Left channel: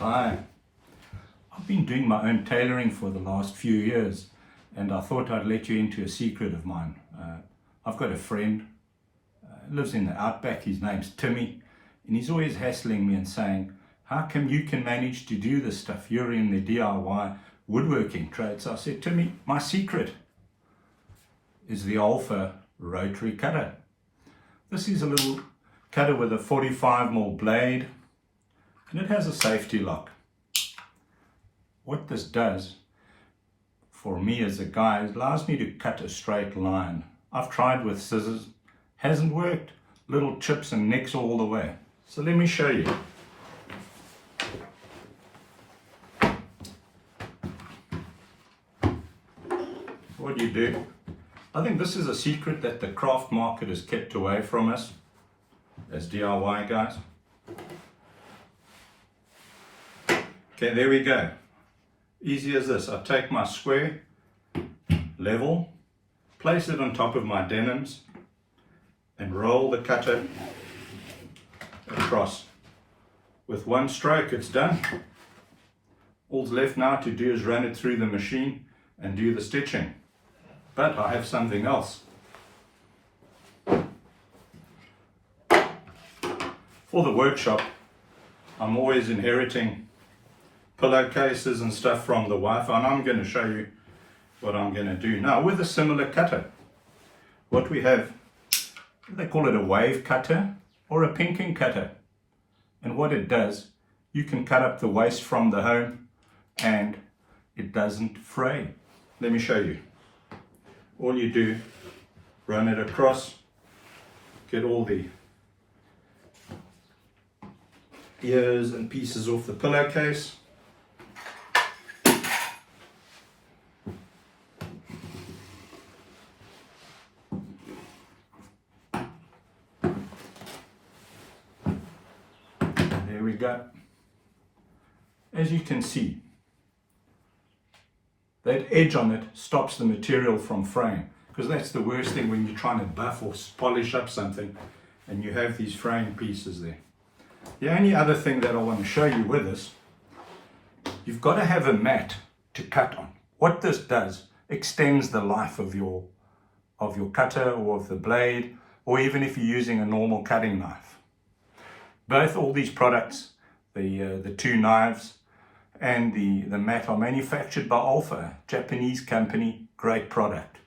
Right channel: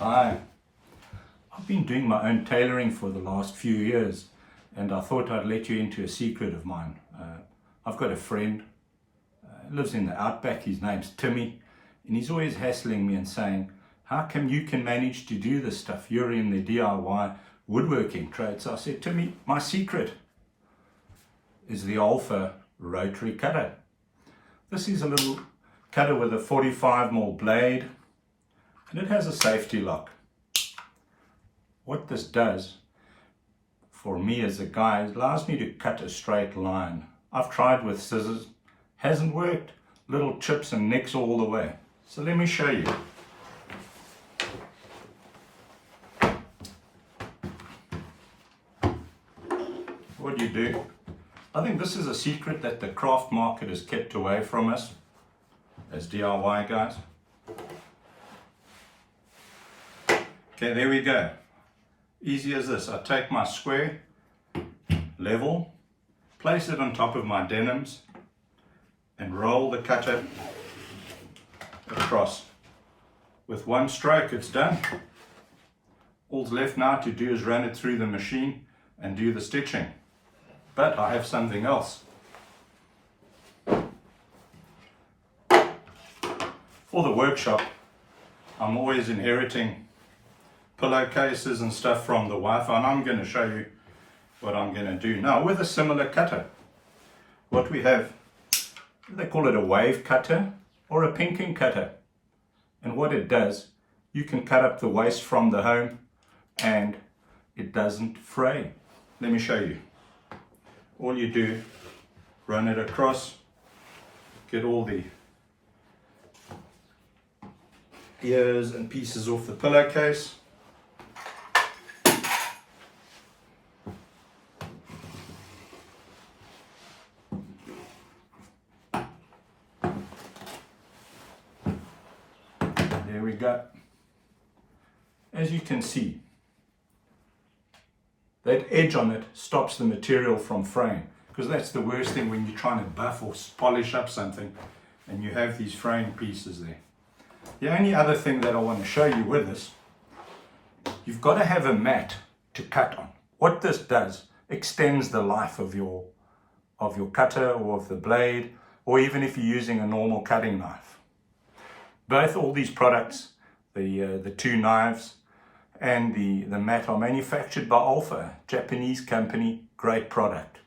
Hi, I've been doing my own tailoring for the last few years, and I thought I'd let you into a secret of mine. I've got a friend, lives in the outback. His name's Timmy, and he's always hassling me and saying, how come you can manage to do this stuff? You're in the DIY woodworking trade. So I said, Timmy, my secret is the Olfa Rotary Cutter. This is a little cutter with a 45mm blade, and it has a safety lock. What this does for me as a guy, it allows me to cut a straight line. I've tried with scissors, hasn't worked. Little chips and nicks all the way. So let me show you. What do you do? I think this is a secret that the craft market has kept away from us as DIY guys. Okay, there we go. Easy as this. I take my square, level, place it on top of my denims, and roll the cutter across. With one stroke, it's done. All's left now to do is run it through the machine and do the stitching. But I have something else. For the workshop, I'm always inheriting pillowcases and stuff from the wife, and I'm going to show you what I'm going to do now with a similar cutter. What we have, they call it a wave cutter or a pinking cutter, and what it does, you can cut up the waste from the home and it doesn't fray. Let me show you. All you do, run it across, get all the ears and pieces off the pillowcase. There we go. As you can see, that edge on it stops the material from fraying, because that's the worst thing when you're trying to buff or polish up something and you have these fraying pieces there. The only other thing that I want to show you with this, you've got to have a mat to cut on. What this does, extends the life of your cutter or of the blade, or even if you're using a normal cutting knife. All these products, the two knives and the mat, are manufactured by Olfa, Japanese company, great product.